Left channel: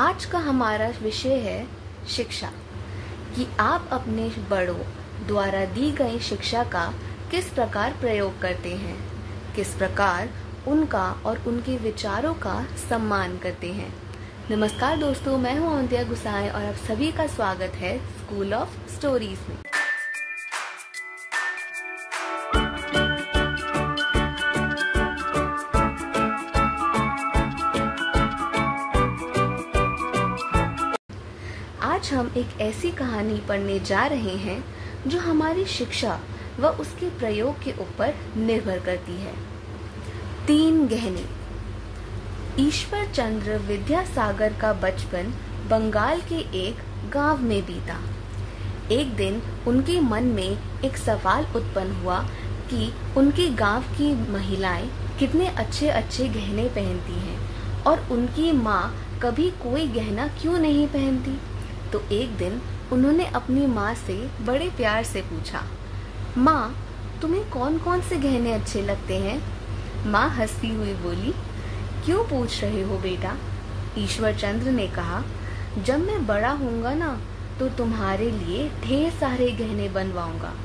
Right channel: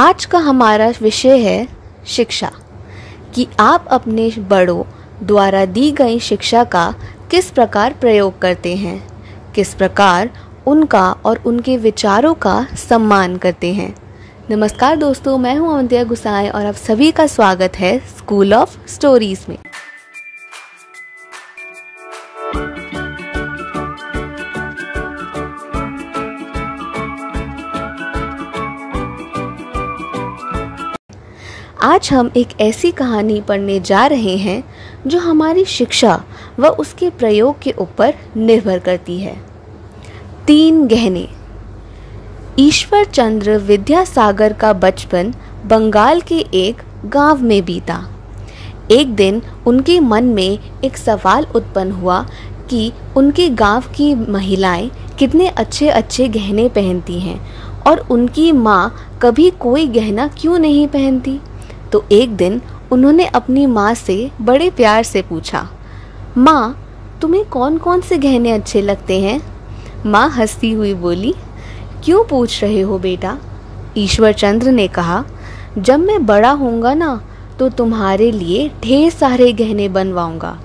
आज का हमारा विषय है शिक्षा, कि आप अपने बड़ों द्वारा दी गई शिक्षा का किस प्रकार प्रयोग करते हैं, किस प्रकार उनका और उनके विचारों का सम्मान करते हैं। नमस्कार दोस्तों, मैं हूं अवंतिया गुसाई और आप सभी का स्वागत है स्कूल ऑफ स्टोरीज में। आज हम एक ऐसी कहानी पढ़ने जा रहे हैं जो हमारी शिक्षा व उसके प्रयोग के ऊपर निर्भर करती है। 3 गहने। ईश्वर चंद्र विद्यासागर का बचपन बंगाल के एक गांव में बीता। एक दिन उनके मन में एक सवाल उत्पन्न हुआ कि उनके गांव की महिलाएं कितने अच्छे अच्छे गहने पहनती हैं और उनकी माँ कभी कोई गहना क्यों नहीं पहनती। तो एक दिन उन्होंने अपनी माँ से बड़े प्यार से पूछा, माँ तुम्हें कौन कौन से गहने अच्छे लगते हैं। माँ हंसती हुई बोली, क्यों पूछ रहे हो बेटा। ईश्वर चंद्र ने कहा, जब मैं बड़ा होऊंगा ना तो तुम्हारे लिए ढेर सारे गहने बनवाऊंगा।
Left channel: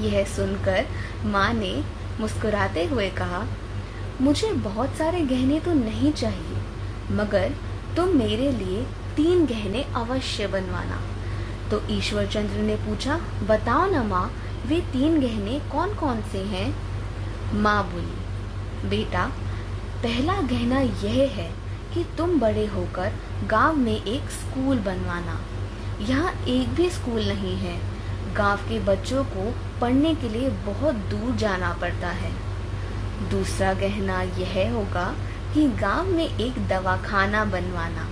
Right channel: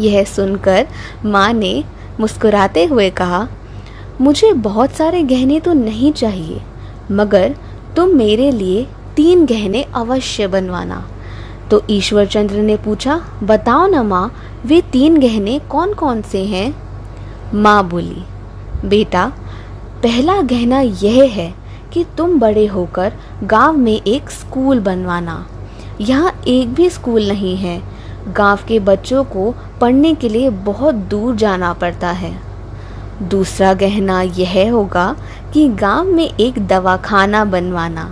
यह सुनकर माँ ने मुस्कुराते हुए कहा, मुझे बहुत सारे गहने तो नहीं चाहिए, मगर तुम मेरे लिए 3 गहने अवश्य बनवाना। तो ईश्वर चंद्र ने पूछा, बताओ ना माँ, वे 3 गहने कौन कौन से हैं। माँ बोली, बेटा पहला गहना यह है कि तुम बड़े होकर गांव में एक स्कूल बनवाना। यहाँ एक भी स्कूल नहीं है, गांव के बच्चों को पढ़ने के लिए बहुत दूर जाना पड़ता है। दूसरा गहना यह होगा कि गांव में एक दवाखाना बनवाना।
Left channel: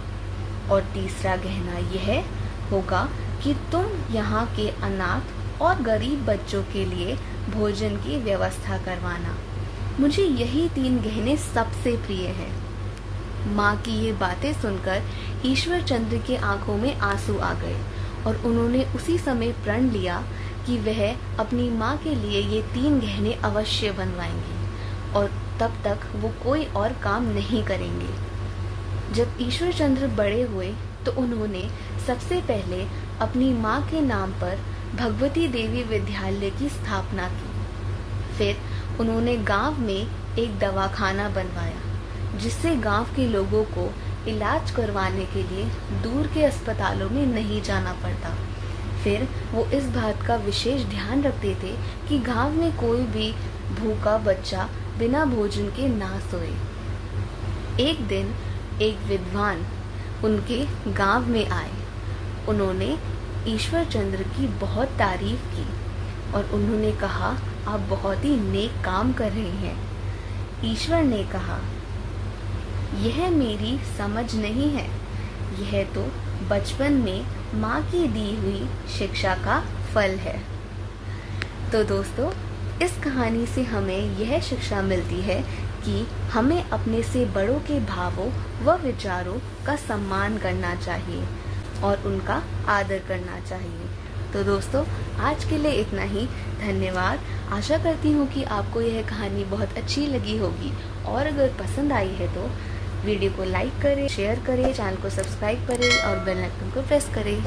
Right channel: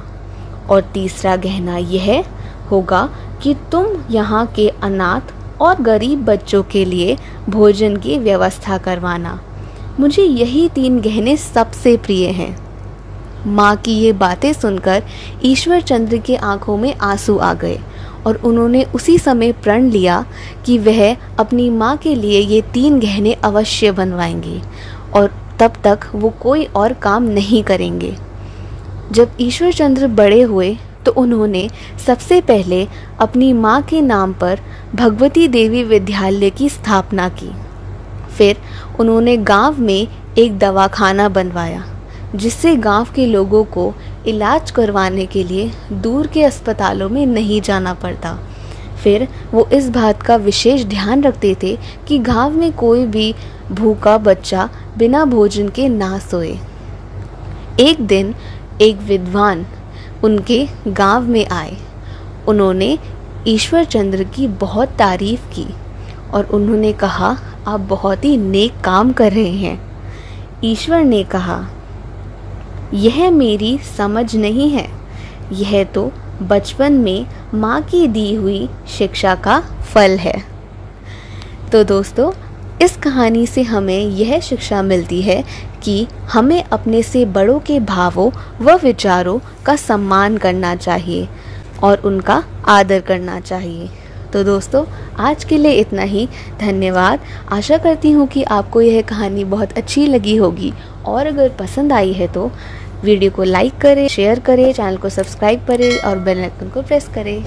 और तीसरा गहना यह होगा कि तुम यहाँ के अनाथ और गरीब बच्चों के लिए भोजन की व्यवस्था करवाना। मुझे यही 3 गहने सबसे प्रिय हैं। माँ की ये बातें सुनकर ईश्वर चंद्र के आंखों में आंसू आ गए और उन्होंने उसी समय प्रण लिया कि वह अपनी माँ के लिए ये 3 गहने अवश्य बनवाएंगे और तब तक वो कोई और काम नहीं करेंगे। जब ईश्वर चंद्र बड़े हुए तो उन्होंने सबसे पहले अपनी माँ के नाम पर भगवती देवी विद्यालय की स्थापना की। फिर उन्होंने गांव में एक दवाखाना बनवाया, जिससे गांव के लोगों को इलाज करवाने के लिए दूर के अस्पतालों में नहीं जाना पड़ता। फिर वो इस बात का विशेष ध्यान रखते थे कि गांव में कोई भी भूखा बच्चा बिना भोजन के ना सोए। एक दिन एक विद्वान उनके गांव में आए। उन्होंने ईश्वर चंद्र की बहुत तारीफ की और उन्होंने कहा, आप बहुत ही नेक काम कर रहे हैं। ईश्वर ने कहा, यह मेरी समझ नहीं है, यह तो बचपन में माँ की दी हुई शिक्षा का फल है। तो दोस्तों, इस कहानी से हमें यह शिक्षा मिलती है कि हमें अपने से बड़ों के भावों व विचारों का सम्मान करना चाहिए और उनका आदर करना चाहिए। तो दोस्तों, आज के लिए इतना ही। धन्यवाद। आशा करती हूँ कि आपको यह कहानी बहुत अच्छी लगी होगी और अगर पसंद आई है तो वीडियो को लाइक करें, शेयर करें, चैनल को सब्सक्राइब करें और बेल आइकन को प्रेस करें।